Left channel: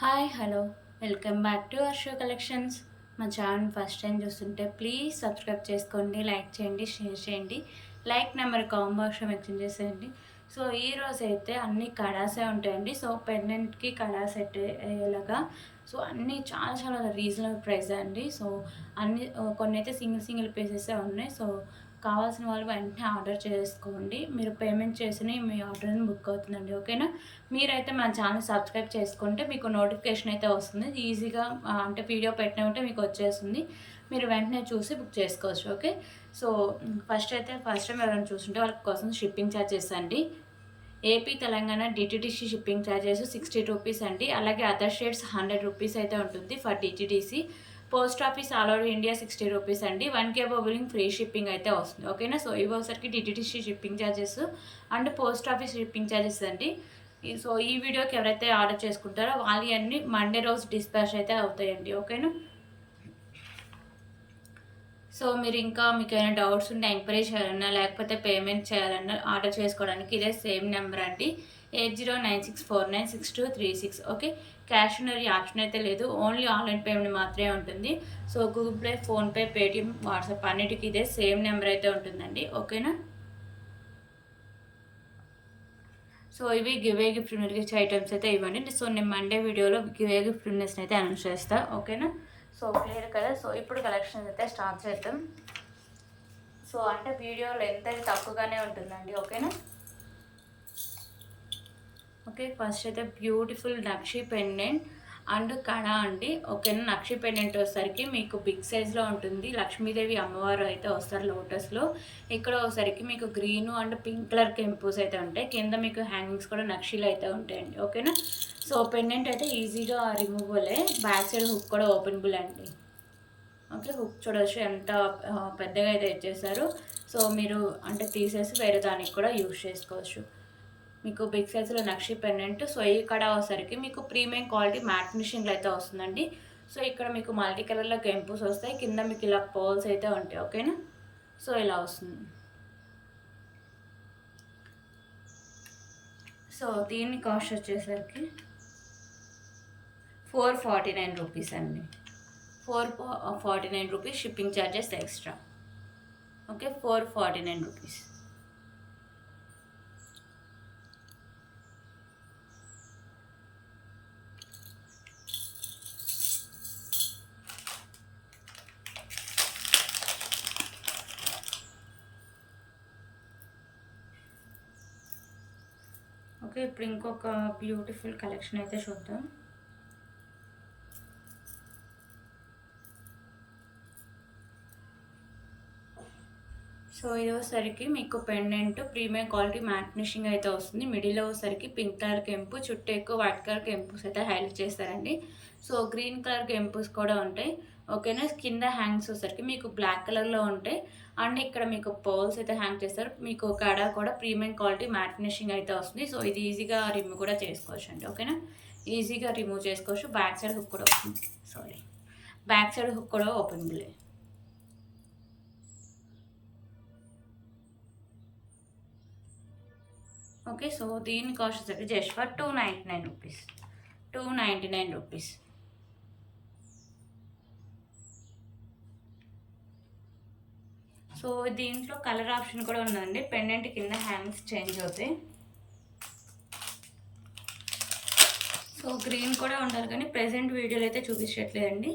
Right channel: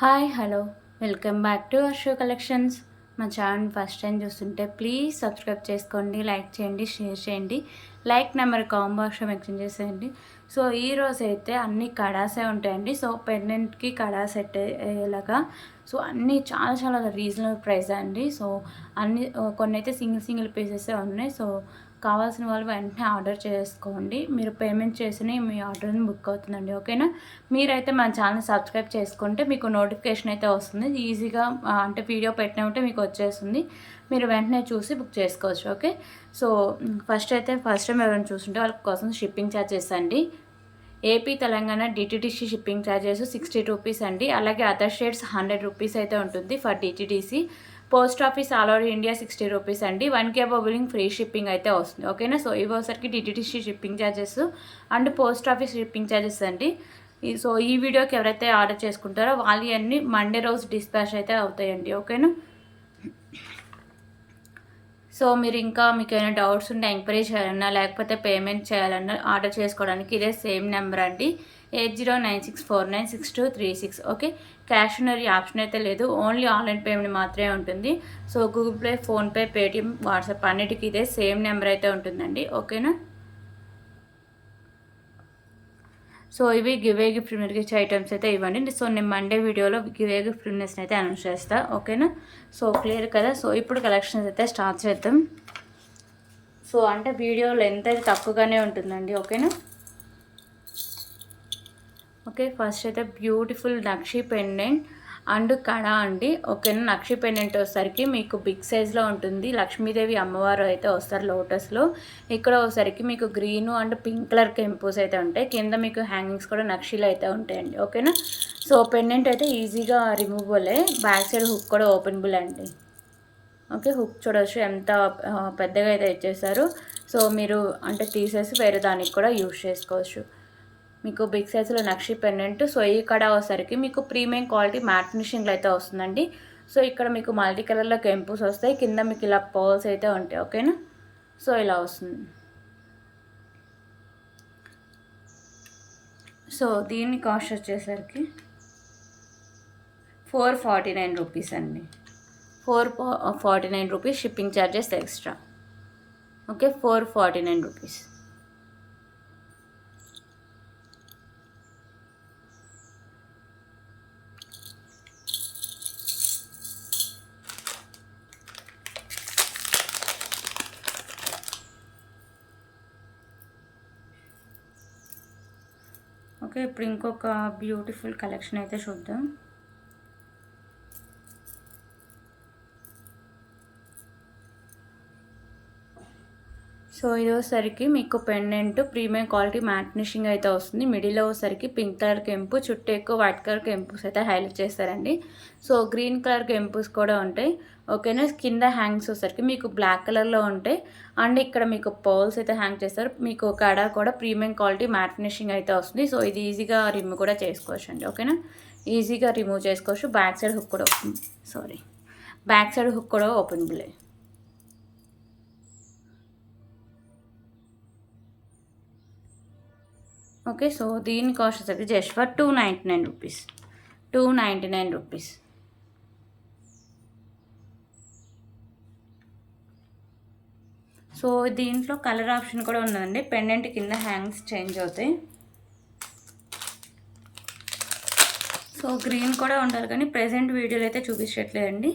Hi hello welcome back to Arsho collections. మా channel first time చూస్తుంటే please subscribe చేసుకోండి, like చేయండి, షేర్ చేయండి. Like number combo option mention చేసేయండి. సో ఈరోజు అయితే అన్ని కడాసే ఉంటాయండి. సో పెండెంట్కి కడా సెట్ అయ్యేలాగా సో అన్నీ చాలా చాలా రీజనబుల్ ప్రైస్ అండి. సో అన్ని కొన్ని అయితే సింగిల్ పీసెసే ఉన్నాయి. సో కావాల్సిన వాళ్ళు వెంటనే ఆర్డర్ చేసుకోండి. మీరు పేమెంట్ చేసిన మీ ఆర్డర్ని బుక్ అవుతుందండి. ఓకేనా? మీరైతే మన ఛానల్ సబ్స్క్రైబ్ చేసుకుంటే మీకు నోటిఫికేషన్ అయితే వస్తుంది ఈజీగా. అంటే వీడియో పెట్టినట్టే మీకు వచ్చేస్తుంది. మీరు వెంటనే చూసి బుక్ చేసుకోవచ్చు. ఓకే. సో ఫస్ట్ టైం ఎవరైనా చూస్తుంటే వాళ్ళ కోసం షిప్పింగ్ ఛార్జెస్ అండి. AP Telangana DTDC shipping charges 60 rupees అండి. అలాగే అదర్ స్టేట్స్ 100 రూపీస్ అయితే ఉంటుంది for DTDC. Post office all over India 60 rupees అండి. 1K బిల్లింగ్ ఫ్రీ షిప్పింగ్ అయితే వస్తుంది. ఓకేనా? సో ఇవి ఒకసారికి DTDC shipping charges and post office shipping charges అండి. సో ఈ వీడియోకి ఎవరైతే ఆర్డర్ చేసుకుంటారో వాళ్ళు అన్నీ మండే రోజు డిస్పాచ్ అయితే అవుతాయండి. ఓకేనా? సో మీరు ఇంకా మీకు ఏమైనా డౌట్స్ ఉంటే ఎంక్వైరీ చేయాలన్నా లేకపోతే పేమెంట్ చేయాలన్నా ఆర్డర్ చేసుకోవడానికి ఇదే సేమ్ నెంబర్ అండి, 8096496236. Okay. Cash on delivery option అయితే లేదు, ఓన్లీ ఆన్లైన్ పేమెంట్ మాత్రమే ఉంటుంది. So Google pay, PhonePe, Paytm, WhatsApp అన్నిటికీ ఇదే సేమ్ నెంబర్ అయితే ఉంటుందండి. ఓకేనా? సో ఇవి గివే గిఫ్ట్ గిఫ్ట్ ఐటమ్స్ అయితే ఇవ్వండి. సో నేను మండే వీడియోలో గివే గిఫ్ట్ విన్నర్స్ని అయితే అనౌన్స్ చేస్తాను. ఓకేనా? సో క్లియర్ కదా? సో ఇప్పుడు కలెక్షన్స్ అయితే స్టార్ట్ చేద్దాం. సో అంటే వీడియో లెంత్ అయితే తక్కువగానే ఉంటుందండి. ఓకేనా? ఓకే. ఫస్ట్ అయితే బ్యూటిఫుల్ నక్షి పెండెంట్ అండ్ కడా అండి. ఓకేనా? నక్షి పెండెంట్ వచ్చేసరికి మీకు బిగ్ సైజ్లో ఉంటుంది. లక్ష్మీదేవి అమ్మవారు అయితే వస్తారు లోటస్లో. ఇక్కడ వచ్చేసరికి మీకు గ్రీను అండ్ పింక్ కలర్ కెంపుస్ అయితే ఉంటాయి. కింద మీకు హ్యాంగింగ్స్ కూడా నక్షీలు అయితే ఉంటాయండి. ఓకేనా? సో పెండెంట్ అయితే ఈజీగా రిమూవబులే. బ్యాక్ సైడ్ హుక్ కూడా ఓపెనబుల్ అండి. ఓకే. హుక్ చూడవచ్చు ఎంత పెద్దగా అయితే ఇచ్చేసారు. సో మీరు అంటే తీసేసి వేరే దానికి కూడా యూజ్ చేసుకోవచ్చు. మీకు బిగ్ సైజులో నక్షి పెండెంట్. సో ఈ కడ వచ్చేసరికి మీకు ప్రీమియం క్వాలిటీ మ్యాట్ ఫినిషింగ్లో అయితే వస్తుందండి. సో ఇక్కడ మీకు మల్టీ కలర్లో కెంపుస్ వస్తాయి, కింద మీకు ఇలా పర్ల్స్ అయితే ఉంటాయి. ఓకేనా? సో ఇలా వస్తుంది. సో దీని కాస్ట్ వచ్చేసరికి 449 రూపీస్ అండి. 449 rupees shipping charges extra. Okay. 449 rupees. Okay. ఇప్పుడు ఇంకొక బ్యూటిఫుల్ కలెక్షన్ అయితే చూద్దాం. సో ఇది వచ్చేసరికి మీకు pendant premium quality mat finishing అయితే వస్తుంది. మిడిల్లో వచ్చేసరికి పింక్ కలర్ కెంపు, చుట్టూ ఎక్కువ వైట్ కలర్ కెంపుస్ అయితే హైలైట్ చేస్తారండి. సో గ్రీన్ కలర్ కెంపుస్ కూడా ఉంటాయి. ఓకేనా? కింద హ్యాంగ్స్ వచ్చేసరికి మీకు బ్లాక్ కలర్లో ఉంటాయి అండ్ ఇక్కడ మీకు పర్ల్స్ అయితే హ్యాంగ్ చేస్తారు. మీకు కడ కూడా ప్రీమియం క్వాలిటీ మ్యాట్ ఫినిషింగ్ అయితే వస్తుంది. సో ఇది ఈజీగా రిమూవ్ కూడా చేసుకోవచ్చు అండి. ఓకేనా? ఈజీగా రిమూవ్ చేసుకోవచ్చు. బ్యాక్ సైడ్ హుక్ కూడా బ్యాక్ సైడ్ హుక్ కూడా ఓపెనబులే. ఓకే. సో దీని కాస్ట్ వచ్చేసరికి just for 299 rupees. 299 rupees. So దీంట్లో కలర్ ఆప్షన్ కూడా ఉందండి. పెండెంట్ కింద హ్యాంగ్స్ చేంజ్ అవుతాయి. సో గ్రీన్ కూడా ఉంటారు కానీ ప్రెజెంట్ వీడియోలో అయితే చూపించట్లేదండి.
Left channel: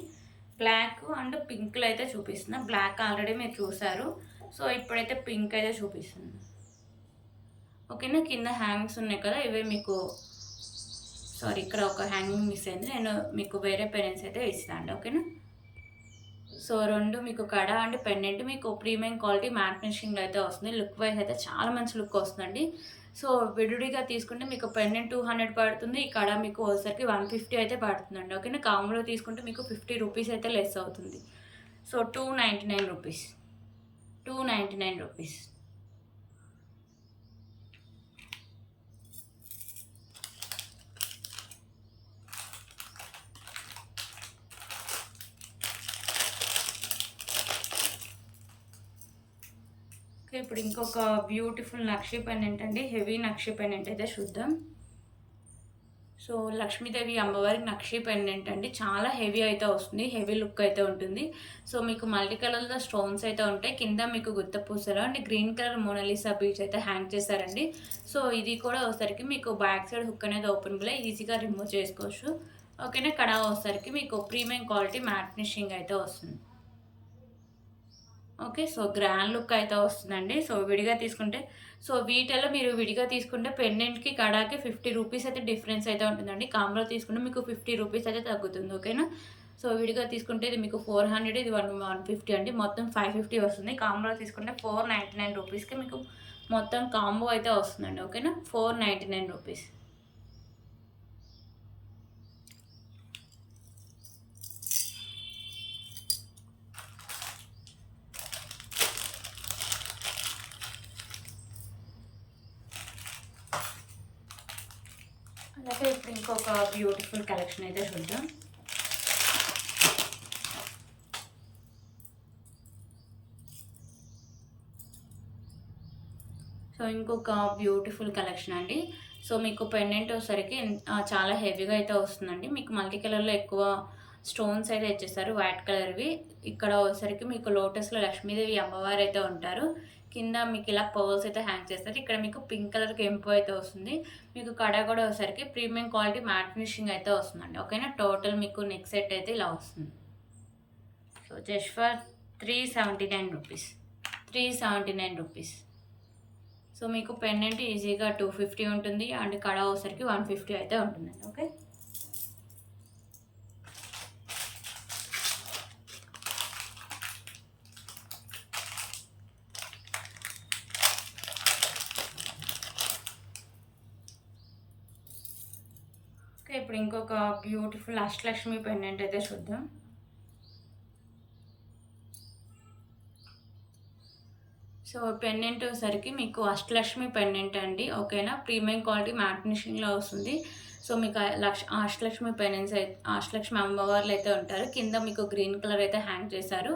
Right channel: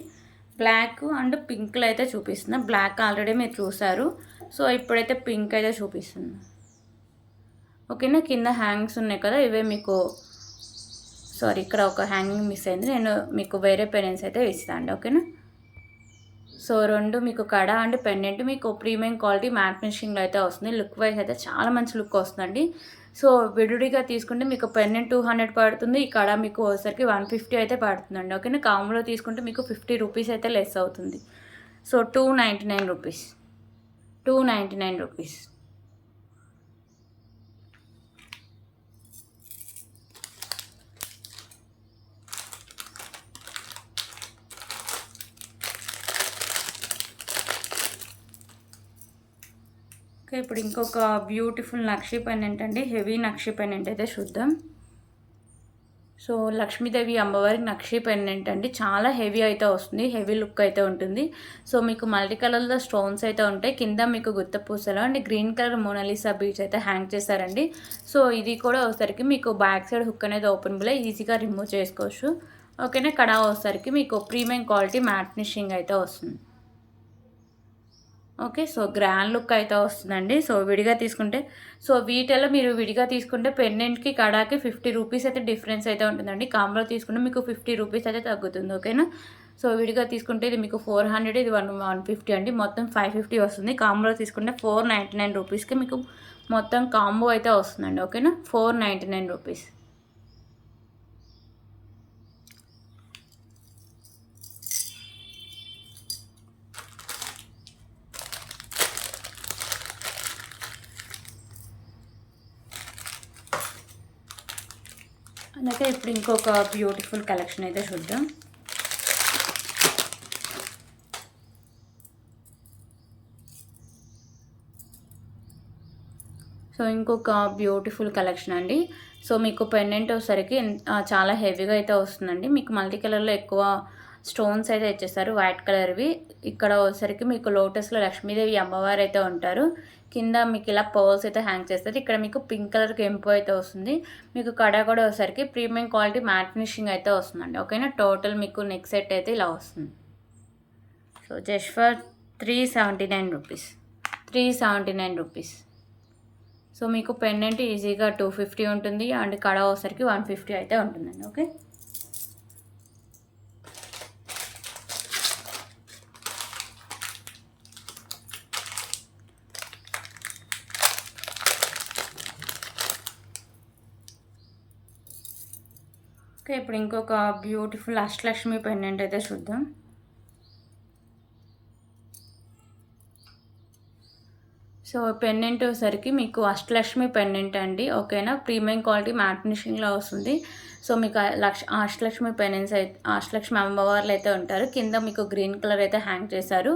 బ్లాక్ అండ్ పింక్లో అయితే చూపిస్తున్నా. బ్లాక్ ఆల్రెడీ మీరు చూసారు. సో ఇప్పుడైతే పింక్ అయితే చూపిస్తుంది. ఓకేనా? కింద హ్యాంగ్స్ ఉన్నాయి కదా, ఇవే మీకు ఇక్కడ ఒక హ్యాంగింగ్ మిస్ అయింది. నేను మీకు వేరే పెండెంట్స్ అయితే ఇస్తాను. ఓకేనా? సో రెండు మీకు కడ అండ్ పెండెంట్ మీకు ప్రీమియం క్వాలిటీ మ్యాట్ ఫినిషింగ్లో అయితే వస్తుంది. లుక్ వైజ్ అయితే చాలా మంచి లుక్ వస్తుందండి. సో విడివిడిగా తీసుకుంటే మీకు పెండెంట్ 200 పడుతుంది, ఈ కడ మీకు వచ్చేసరికి 150 అయితే పడుతుందండి. ఓకేనా? కాంబోలో తీసుకుంటే మీకు 50 రూపీస్ అయితే లెస్ అవుతుంది. So 299 rupees. 299 రూపీస్. ఓకే. ఇప్పుడు ఇంకొక బ్యూటిఫుల్ నక్షి పెండెంట్ అండి, హెవీ నక్షి పెండెంట్ అయితే చూద్దాం. సో సో లక్ష్మీదేవి అమ్మవారికి నక్షి పెండెంట్ అండి, చాలా హెవీ అయితే వస్తుంది, హెవీ లుక్ అయితే ఉంటుంది. సో మీకు మల్టీ కలర్లో స్టోన్స్ అయితే ఉంటాయి, కింద మీకు గుత్త పూసలు and green colour Mona Lisa beads అయితే హ్యాంగ్ చేశారండి. సో ఇది కూడా వచ్చేసరికి మీకు బ్యాక్ సైడ్ హుక్ అనేది ఓపెనబుల్, ఈజీగా రిమూవ్ చేసుకోవచ్చు. ఓకేనా. కడా వచ్చేసరికి మీకు ప్రీమియం క్వాలిటీ మ్యాట్ ఫినిషింగ్ అయితే వస్తుంది. ఓకే. సో గ్రాండ్ లుక్ అయితే వస్తుందండి. సో విడిగా తీసుకుంటే, సో వీటిలో మీరు విడిగా తీసుకుంటే పెండెంట్‌కి, కడాకి 50 రూపీస్ అయితే డిఫరెన్స్ అయితే ఉంటుందండి. కాంబోలో తీసుకుంటే మీకు 50 రూపీస్ అయితే తగ్గుతుంది. ఓకేనా. సో విడిగా తీసుకుంటే ఇది మీకు 400, ఇది 150 అండి. మొత్తం 550 వస్తుంది. కాంబోలో తీసుకుంటే 499 రూపీస్‌కి మీకు మొత్తం కాంబో అయితే వస్తుందండి. ఓకేనా. 499 రూపీస్. అందుకే ఇప్పుడు ఇంకొక బ్యూటిఫుల్ కలెక్షన్ అయితే చూద్దాం. సో ఇంకొక బ్యూటిఫుల్ కలెక్షన్ అండి. సో మీకు పెండెంట్ వచ్చేసరికి చాలా హెవీగా అయితే వస్తుందండి. మీకు మల్టీ కలర్లో ఎక్కువ స్టోన్స్ అయితే ఇచ్చేస్తారు, వైట్ కలర్వి. ఇక్కడ వచ్చేసరికి మీకు లోటస్లో లక్ష్మీదేవి అమ్మవారు అయితే ఉంటారు. కింద మీకు ఇలా పర్ల్స్ అయితే హ్యాంగ్ చేస్తారు. ఇక్కడ మీకు పింక్ కలర్ కెంపు అయితే వస్తుంది. మీకు కడ కూడా వచ్చేసరికి ప్రీమియం క్వాలిటీ మ్యాట్ ఫినిషింగ్ అయితే వస్తుందండి. ఓకేనా. టోటల్ మీకు నెక్ సెట్ అయితే ఇలా వస్తుంది. So just for 379 rupees. 379 rupees. So మీకు పెండెంట్ ఈజీగా 250 ఉంటుంది అండ్ కడ వచ్చేసరికి 150 అయితే ఉంటుందండి. ఓకే. ఓకే. ఇప్పుడు ఇంకొక బ్యూటిఫుల్ అష్టలక్ష్మి పెండెంట్ అయితే చూద్దాం. సో పెండెంట్ వచ్చేసరికి మీకు అష్టలక్ష్మి పెండెంట్ అండి. ఓకేనా. ప్రీమియం క్వాలిటీ మ్యాట్ ఫినిషింగ్లో వస్తుంది. సో మీకు అష్టలక్ష్మి పెండెంట్స్ అయితే, అష్టలక్ష్మి అమ్మవార్లు అయితే ఉంటారు. కింద మీకు గ్రీన్ కలర్ అయితే హ్యాంగ్ చేశారు.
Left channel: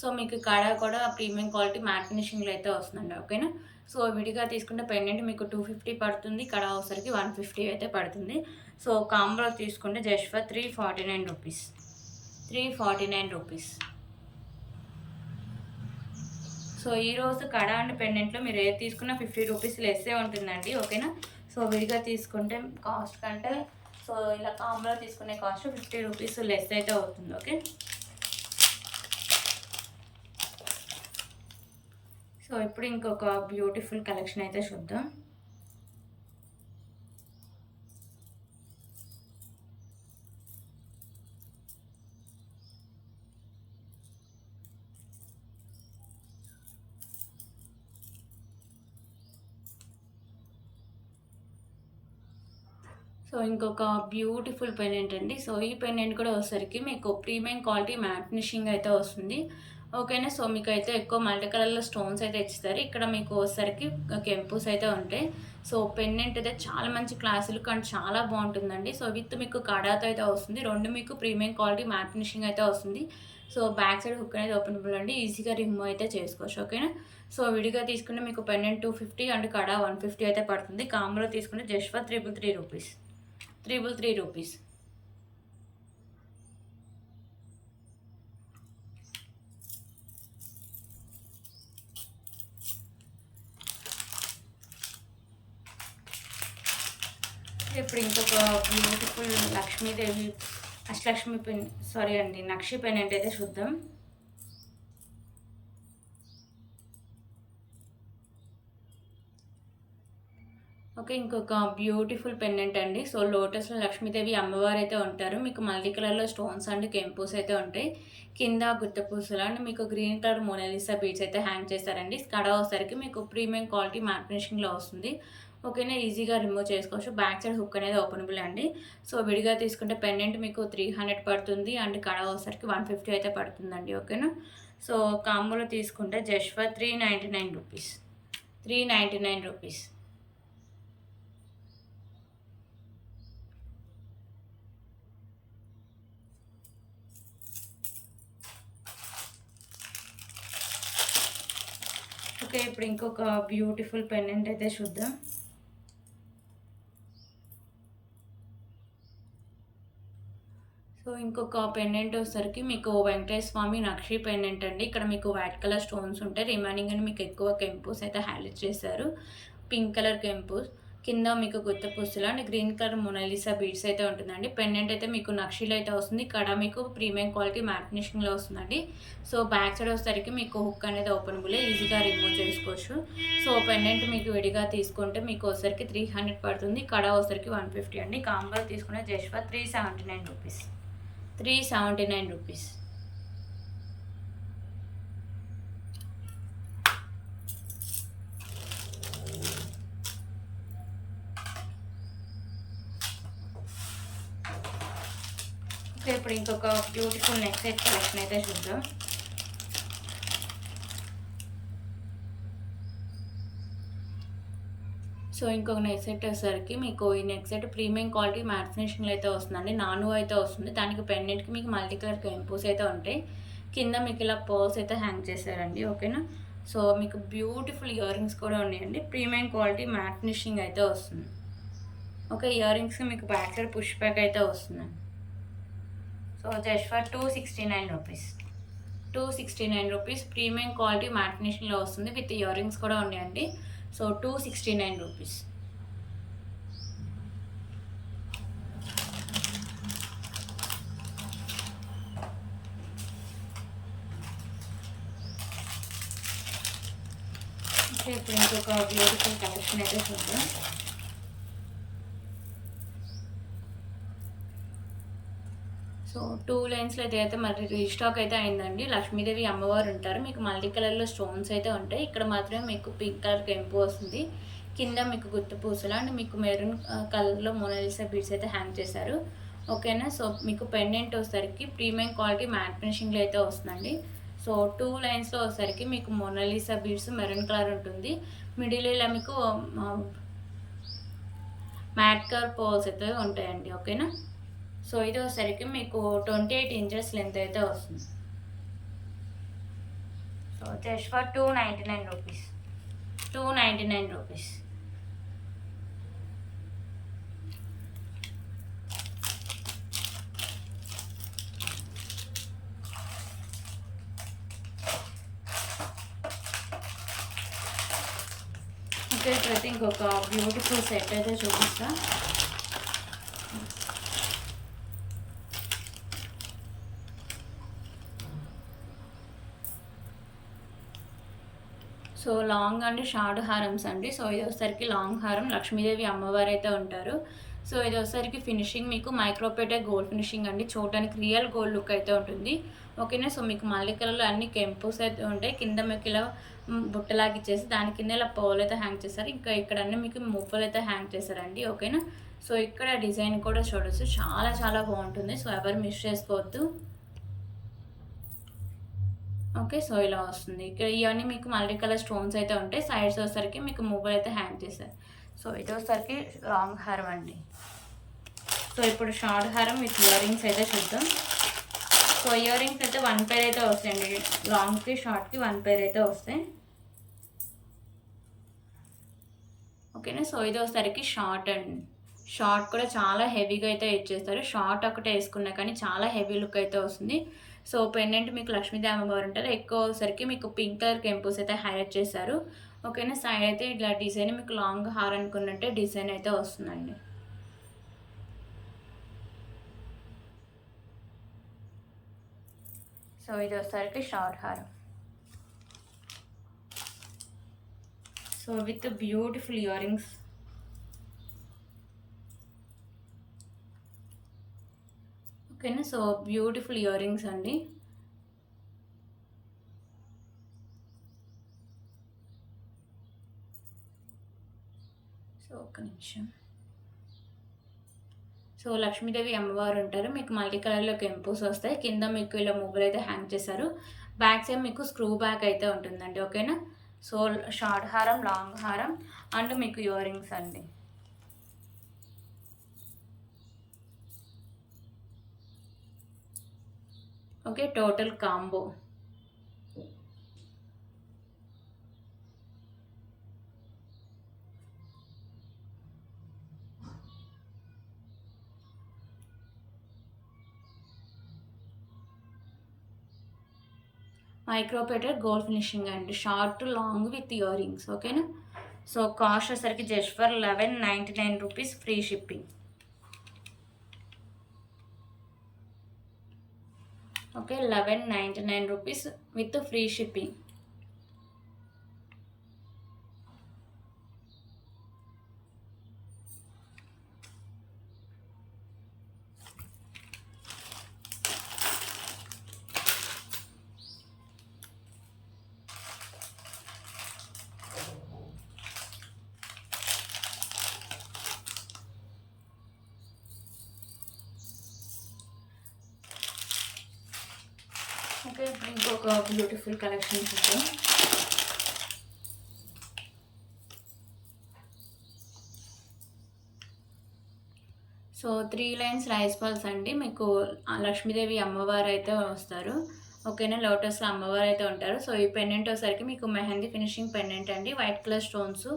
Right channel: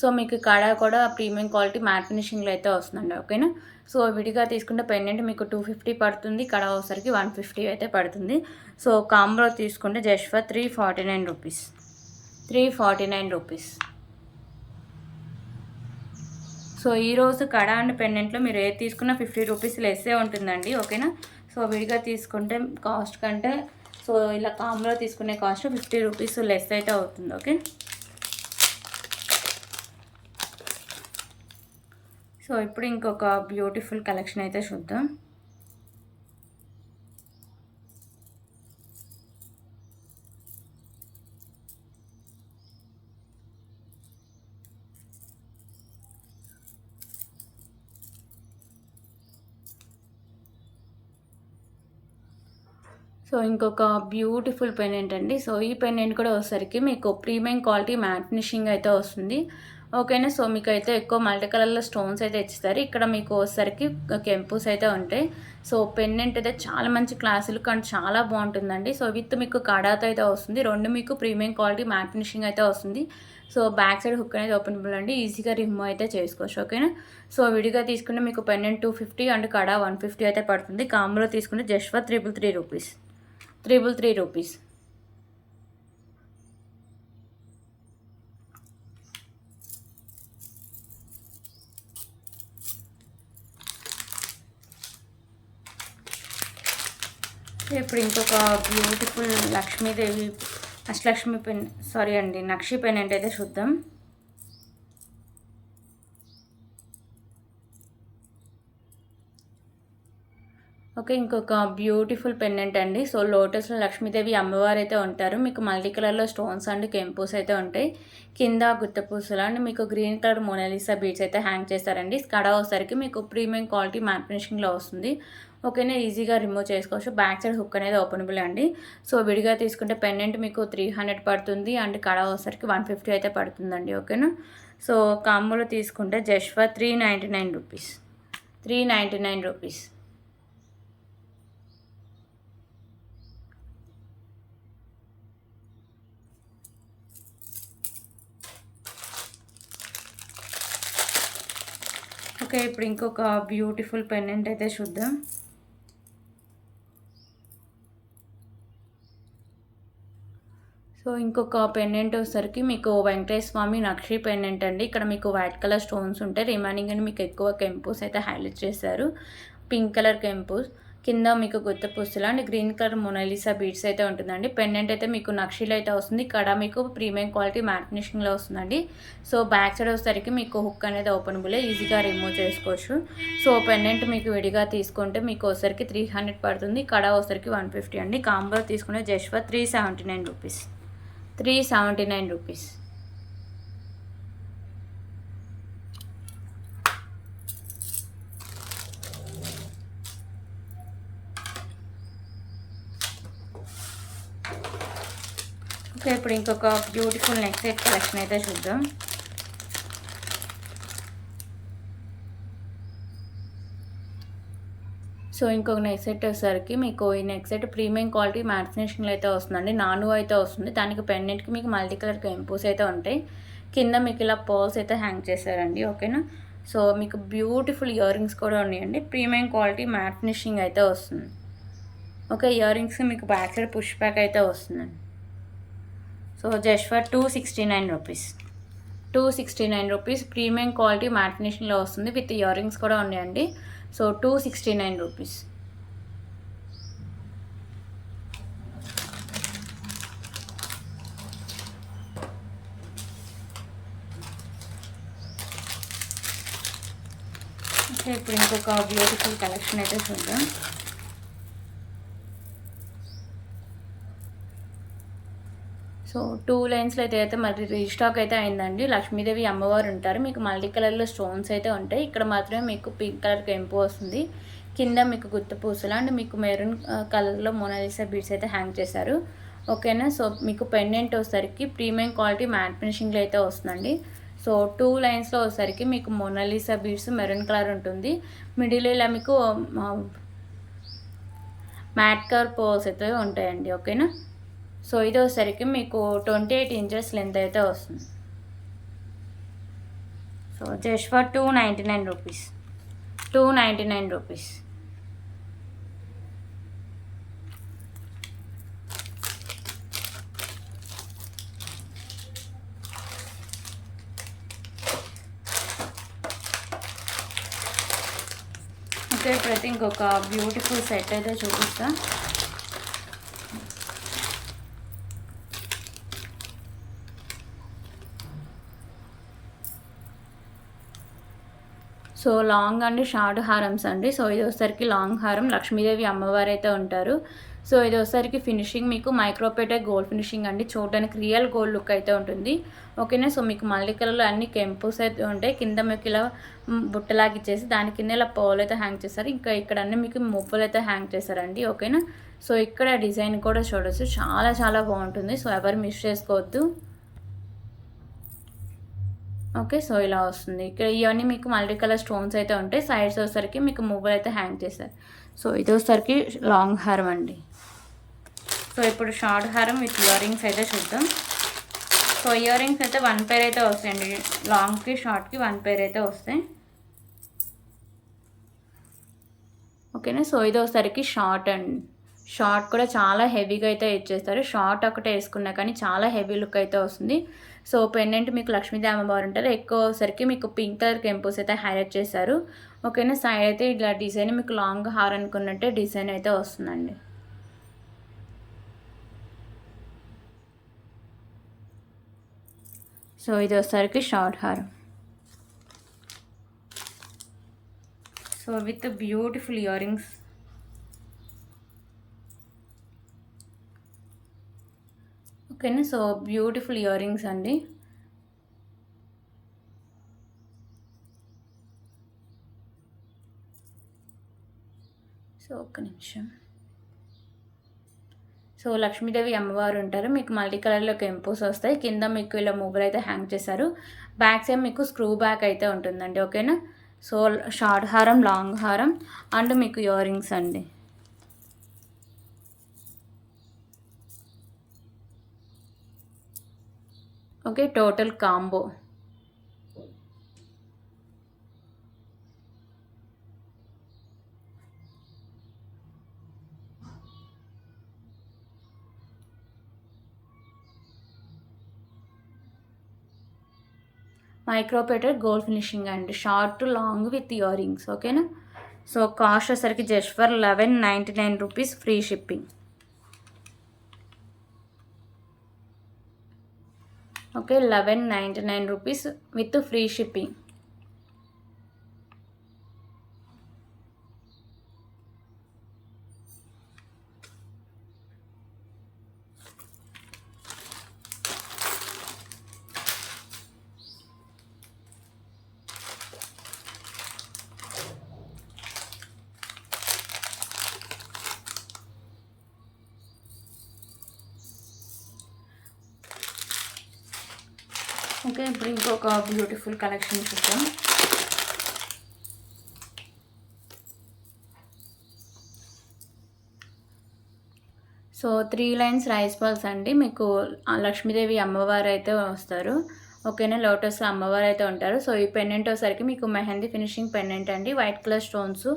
సో మీకు కడ కూడా ప్రీమియం క్వాలిటీ మ్యాట్ ఫినిషింగ్లో అయితే వస్తుందండి. ఓకేనా. సో విడిగా తీసుకుంటే పెండెంట్ మీకు 250 పడుతుంది, కడ వచ్చేసరికి 150 అయితే పడుతుంది. సో కాంబోలో తీసుకుంటే just for 349 rupees. 349 rupees. So ఈరోజు కడ అండ్ పెండెంట్లో మీరు ఏది తీసుకున్నా 50 రూపీస్ లెస్సే ఉంటుందండి. ఓకేనా. సో విడిగా తీసుకుంటే కాస్ట్ కంటే, సో ఇలా కాంబోలో తీసుకునే కాస్ట్ 50 రూపీస్ లెస్ అయితే అవుతుంది. ఓకే. సో ఇప్పుడు ఇంకొక బ్యూటిఫుల్ కలెక్షన్ అయితే చూద్దాం. సో ఇంకొక బ్యూటిఫుల్ పెండెంట్ అండి. సో ఈ పెండెంట్ కూడా వచ్చేసరికి మీకు ప్రీమియం క్వాలిటీ మ్యాట్ ఫినిషింగ్ అయితే వస్తుంది. ఓకేనా. సో మీకు అయితే ఎక్కువ మల్టీ కలర్లో స్టోన్స్ అయితే ఇస్తారు. ఇక్కడ మీకు వచ్చేసరికి కెంపుస్ అయితే ఉంటాయి. సో పెండెంట్ అయితే చాలా మంచి క్లాస్ లుక్ అండ్ చాలా బాగుంటుందండి. సో విత్ మీకు కడాతో అయితే వస్తుంది. రెండు మీకు ప్రీమియం క్వాలిటీ మ్యాట్ ఫినిషింగ్ అయితే వస్తుంది. సో బ్యాక్ సైడ్ హుక్ అనేది ఓపెనబుల్ అండి, ఈజీగా రిమూవ్ అయితే చేసుకోవచ్చు. ఓకేనా. సో విడిగా తీసుకుంటే మీకు పెండెంట్ 250 అండ్ కడా 150 అయితే పడుతుంది. కాంబోలో తీసుకుంటే జస్ట్ ఫర్ 333 రూపీస్. 333 రూపీస్. ఇప్పుడు ఇంకొక beautiful Lakshmidevi Ashtalakshmi pen, sorry అండి, నక్షి పెండెంట్ అయితే చూద్దాం. ఓకే. ఇంకొక బ్యూటిఫుల్ పెండెంట్ అండి. సో లోటస్లో లక్ష్మీదేవి అమ్మవారు అయితే ఉంటారు. మీకు మల్టీ కలర్లో స్టోన్స్ అండ్ కెంపోస్ అయితే ఉంటాయి. కింద గుత్తపూసలు అండ్ మీకు గ్రీన్ కలర్ మోనాలిసా బీడ్స్ అయితే హ్యాంగ్ చేస్తారండి. కడ వచ్చేసరికి మీకు ప్రీమియం క్వాలిటీ మ్యాట్ ఫినిషింగ్లో వస్తుంది. ఓకేనా. ఈజీగా రిమూవ్ చేసుకోవచ్చు. బ్యాక్ సైడ్ హుక్ అనేది ఓపెనబుల్ అండి. సో విడిగా తీసుకుంటే పెండెంట్ మీకు 300 పడుతుంది అండ్ కడ వచ్చేసరికి 150 అయితే పడుతుందండి. ఓకేనా. సో కాంబోలో తీసుకుంటే just for 399 rupees. 399 rupees. Okay. ఇప్పుడు ఇంకొక బ్యూటిఫుల్ పెండెంట్ అయితే చూద్దాం. సో ఇంకొక పెండెంట్ వచ్చేసరికి మీకు వెంకటేశ్వర స్వామి నక్షి పెండెంట్ అండి. ఇక్కడ మీకు వైట్ కలర్ స్టోన్స్ ఉంటాయి. రిమైనింగ్ అని మీకు ఎక్కువ కెంపుస్ అయితే హైలైట్ చేశారు. పింక్ కలర్ కెంపుస్, కింద మీకు గుత్త పుస్తులు and green colour Mona Lisa beads అయితే ఉంటుందండి. పెండెంట్ అయితే మీకు నక్షిలో అయితే వస్తుంది. ఇక్కడ మీకు ప్రీమియం క్వాలిటీ మ్యాట్ ఫినిషింగ్లో వస్తుందండి. సో బ్యాక్ సైడ్ వచ్చేసరికి మీకు హుక్ అనేది ఓపెనబుల్, ఈజీగా రిమూవ్ చేసుకోవచ్చు. సో పెండెంట్ మీకు విడిగా తీసుకుంటే మీకు వచ్చరికి 300 పడుతుంది. కడ వచ్చరికి 150 అండి. కాంబో తీసుకునే just for 379 rupees. 379 rupees. Okay, ఇప్పుడు ఇంకొక బ్యూటిఫుల్ నెక్ సెట్ కలెక్షన్ అయితే చూద్దాం. సో ఇంకొక నెక్ సెట్ వచ్చేసరికి మీకు ఈ neck set premium quality matte ఫినిషింగ్లో అయితే వస్తుందండి. నాను అయితే వస్తుంది. దానికి పెండెంట్కి మీకు మల్టీ కలర్ కెంపోస్ అయితే ఉంటాయి. కింద మీకు ఇలా పర్ల్స్ అయితే హ్యాంగ్ చేశారండి. ఓకేనా. సో మీకు బ్యూటిఫుల్ ఇయర్ రింగ్స్ కూడా ఉన్నాయండి. ప్రీమియం క్వాలిటీ మ్యాట్ ఫినిషింగ్ అయితే వస్తుంది. ఓకే, ఇయర్ రింగ్స్ మీకు బ్యాక్ సైడ్ పుష్ బ్యాక్ అయితే వస్తుందండి. So just for 269 rupees. 269 rupees premium quality matte ఫినిషింగ్లో వస్తుంది. విత్ ఇయర్ రింగ్స్ కూడా ఉన్నాయండి. So 269 rupees. ఓకే, ఇప్పుడు ఇంకొక బ్యూటిఫుల్ కలెక్షన్ అయితే చూద్దాం. సో 2 లైన్స్లో అయితే మరి రీస్టాక్ అయితే అయిందండి. లక్ష్మీదేవి అమ్మవారు ఉంటారు. మీకు మల్టీ కలర్లో స్టోన్స్ అయితే ఉంటాయి. ఇక్కడ మాత్రమే మీకు పింక్ కలర్ కెంపు వస్తుంది. కింద మీకు గుత్త పూసలు అండ్ మీకు మెరూన్ కలర్లో మొనాలిసా బీడ్స్ అయితే హ్యాంగ్ చేశారు. ఓకేనా. సో మీకు పెండెంట్ వచ్చేసరికి ప్రీమియం క్వాలిటీ మ్యాట్ ఫినిషింగ్లో అయితే వస్తుందండి. సో 2 లైన్స్లో వచ్చేసరికి మీకు మొనాలిసా బీడ్స్ మెరూన్ కలర్ ఉంటుంది. మిడిల్ ఇలా మీకు మ్యాట్ కలర్ పోల్స్ అయితే ఉంటాయండి. ఓకేనా. సో ఇది వచ్చేసరికి మీకు 28 ఇంచెస్ లెంత్ అయితే వస్తుంది. So just for 299 rupees. 299 rupees. Okay, ప్రతి ఇంకొక బ్యూటిఫుల్ సెట్ అయితే చూపిస్తా. సో లాంగ్ అండ్ షార్ట్ హారమ్స్ అండి. సో ఇది వచ్చేసరికి లాంగ్ హారం, లక్ష్మీదేవి అమ్మవారు అయితే ఉంటారు. సో ఇది వచ్చేసరికి ఫినిషింగ్ మీకు మైక్రోపేటే గోల్డ్ ఫినిషింగ్ అండి. చూడడానికి రియల్ గోల్డ్ లుక్ అయితే ఉంటుంది. ఓకేనా. సో మీకు మల్టీ కలర్లో అన్ని కెంపుస్ అయితే ఉంటాయి. కింద మీకు ఇలా బుట్టలాగా ఇచ్చేసి దాని కింద ఇలా పౌలు అయితే హ్యాంగ్ చేస్తారు. ఇంకా ఇక్కడ అన్నీ మీకు మువ్వలు అయితే హ్యాంగ్ చేశారండి. ఓకేనా. సో ఇక్కడ డిజైన్ కూడా చూడవచ్చు, చాలా చాలా బాగుంటుంది. సో ఎవరు మిస్ చేసుకోవద్దు. ఓకే, సో ఇలా వస్తుంది. ఇక్కడ ఇవన్నీ మీకు మల్టీ కలర్ స్టోన్స్ అయితే ఉంటాయి. సైడ్స్ వచ్చేసరికి మీకు మువ్వలు అయితే హ్యాంగ్ చేశారు. సో ఇది వచ్చేసరికి లాంగ్ హారం అండి. సో ఇప్పుడు షార్ట్ హారం విత్ ఇయర్ రింగ్స్ అయితే చూద్దాం. సో ఇయర్ రింగ్స్ అయితే 1 పేర్ అయితే వస్తాయండి. లాంగ్కి షార్ట్కి 1 పేర్ అయితే వస్తాయి. ఓకేనా. సో ఇది వచ్చేసరికి షార్ట్ అండి. షార్ట్ కూడా చాలా హెవీగా అయితే ఇచ్చేస్తారు. షార్ట్ ఒకటే వేసుకున్నా కానీ చాలా హెవీ లుక్ అయితే వస్తుంది. సో పెండెంట్ మీకు లక్ష్మీదేవి అమ్మవారు ఉంటారు. ఎక్కువ సరికి మీకు పింక్ కలర్ కెంపుస్ అయితే హైలైట్ చేశారు. ఓకేనా. సైడ్ అయితే ఇట్లా డిజైన్ మీకు లాంగ్ హార్ అనుకున్నట్టే డిజైన్ అయితే వస్తుందండి. సో ఇది వచ్చేసరికి షార్ట్ హార్. So with beautiful ear rings. ఓకేనా. సో బ్యూటిఫుల్ ఇయర్ రింగ్స్ అండి. సో ఒక్క నిమిషం. సో లక్ష్మీదేవి అమ్మవారు ఉంటారు. మీకు మల్టీ కలర్లో కెంపుస్ వస్తాయి. కింద మీకు ఇలా మువ్వలు అయితే హ్యాంగ్ చేశారు. బ్యాక్ సైడ్ మీకు స్క్రూ బ్యాక్ అయితే ఉంటుందండి. ఓకేనా. సో షార్ట్ హారం, లాంగ్ హారం అండ్ మీకు ఇయర్ రింగ్స్ అండి. Okay, total combo. మైక్రోపేటర్ గోల్డ్ ఫినిషింగ్ అండి, short long with ear rings. ఓకేనా. సో కాస్ట్ వచ్చేసరికి just for 1199 rupees, free shipping. Okay, 1199 rupees with free shipping. Okay, ఇప్పుడు ఇంకొక బ్యూటిఫుల్ కలెక్షన్ చూద్దాం. సో 3 లైన్స్ రైస్ బాల్స్ అండి. మీకు లక్ష్మీదేవి అమ్మవారు అయితే వస్తారు. ఓకేనా, లోటస్ అమ్మవారు అయితే ఉంటారు. సో ఈ పెండెంట్ వచ్చేసరికి మీకు మెహందీ ఫినిషింగ్ పెండెంట్ అండి. White colour stones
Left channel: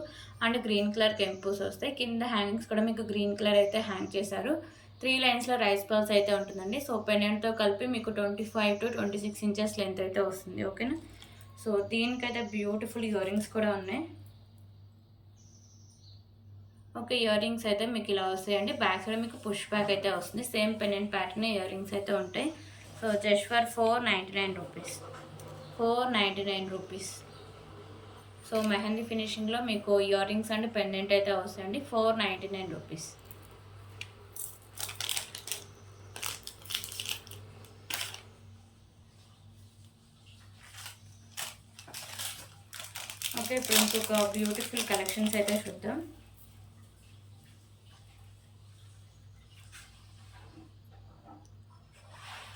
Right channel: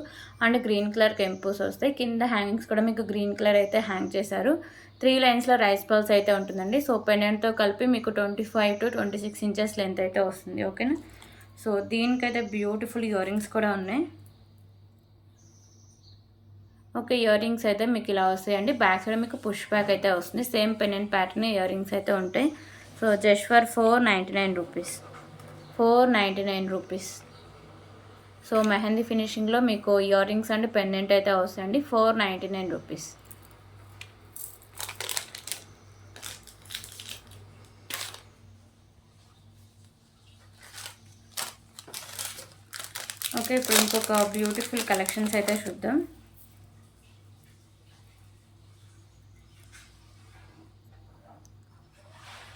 and green colour కెంపుస్ వస్తాయి. కింద హ్యాంగింగ్స్ కూడా మీకు గ్రీన్ కలర్ అయితే హ్యాంగ్ చేశారు. 3 లైన్స్లో రైస్ బాల్స్ అయితే ఉంటుందండి. సో పెండెంట్తో కలిపి మీకు 25 to 26 ఇంచెస్ లెంత్ అయితే వస్తుంది. ఓకేనా. సో దీనికైతే బ్యూటిఫుల్ ఇయర్ రింగ్స్ కూడా ఉన్నాయి. ఓకే, ఇయర్ రింగ్స్ అయితే మీకు ఇలా వస్తాయండి. బ్యాక్ సైడ్ మీకు పుష్ బ్యాక్ అయితే వస్తుంది. Same pendant pattern ear rings అయితే ఉంటాయి. So just for 499 rupees, 499 rupees. So mehndi ఫినిషింగ్లో మీకు ఇయర్ రింగ్స్ అండ్ పెండెంట్ అయితే వస్తాయండి. 499 రూపీస్. ఓకే, ఇప్పుడు ఇంకొక బ్యూటిఫుల్ కలెక్షన్స్ అయితే చూద్దాం.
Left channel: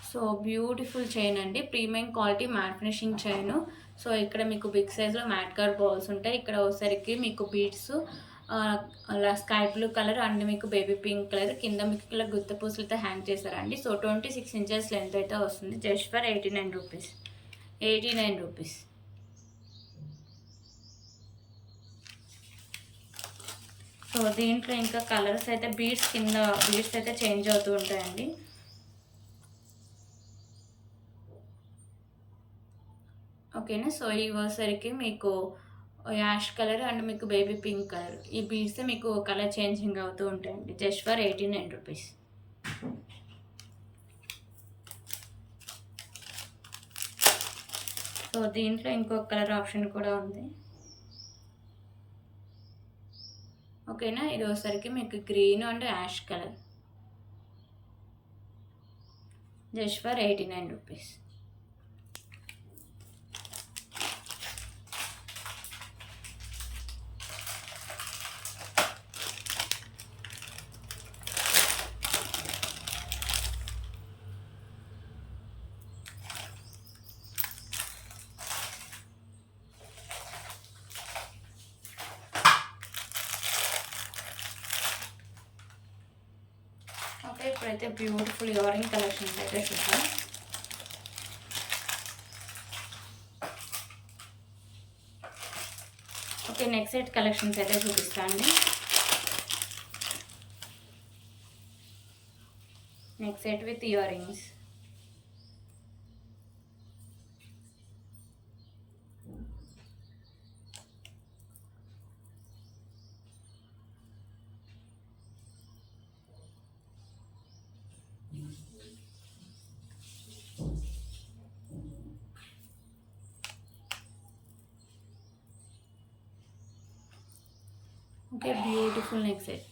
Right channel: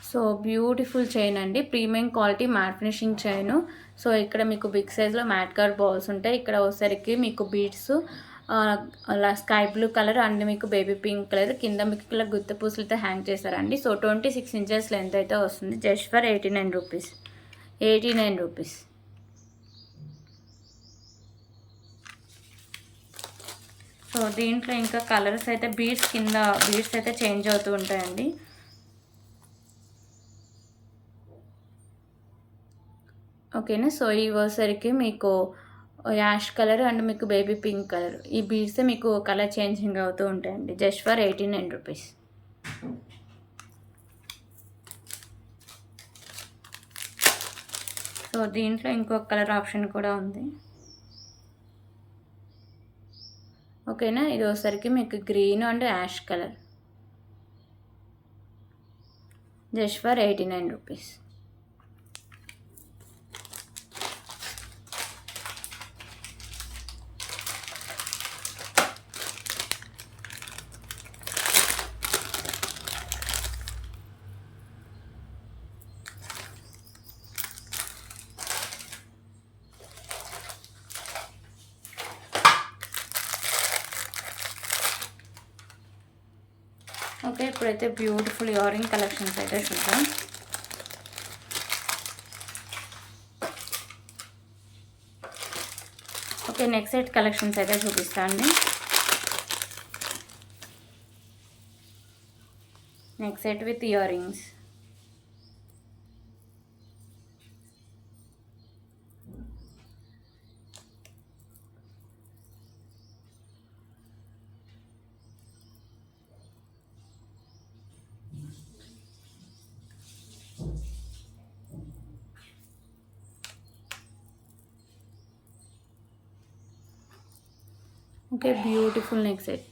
సో బ్యూటిఫుల్ చైన్ అండి, premium quality matte finishing chain. So ఇక్కడ మీకు బిగ్ సైజ్లో మ్యాట్ కార్డ్ బాల్స్ ఉంటాయి. ఇక్కడ వచ్చేసరికి మీకు beads sky blue colour and మీకు బేబీ పింక్ కలర్, కింద మీకు కలర్ గుత్త పూసలతో హ్యాంగ్ చేశారండి. సో 26 ఇంచెస్ లెంత్ అయితే వస్తుంది. Just for 89 rupees, 89 rupees. So దీంట్లో ఇంకా కలర్స్ అయితే బీడ్స్ కింద బీడ్స్ అయితే చేంజ్ అవుతూ ఉంటాయండి. ఓకేనా. సో ఈ వచ్చేసరికి మీకు యాష్ కలర్ అండ్ మీకు బేబీ పింక్ కలర్, ఈ బీడ్స్ మీకు కలర్ చేంజింగ్ అవుతూ ఉంటాయండి. Just for 89 rupees. సో దీంట్లో ఇంకొక కలర్ ఆప్షన్ కూడా ఉంది. ఓకేనా, ఇది వచ్చేసరికి మీకు green and ash colour. Just for 89 rupees. Okay, ఇప్పుడైతే బ్యూటిఫుల్ ఇయర్ రింగ్ కలెక్షన్స్ అయితే చూద్దాం. ఓకే, నెక్స్ట్ సెట్ కలెక్షన్స్ అయితే చూపిస్తాను. Next set with ear rings. Okay, beautiful neck set.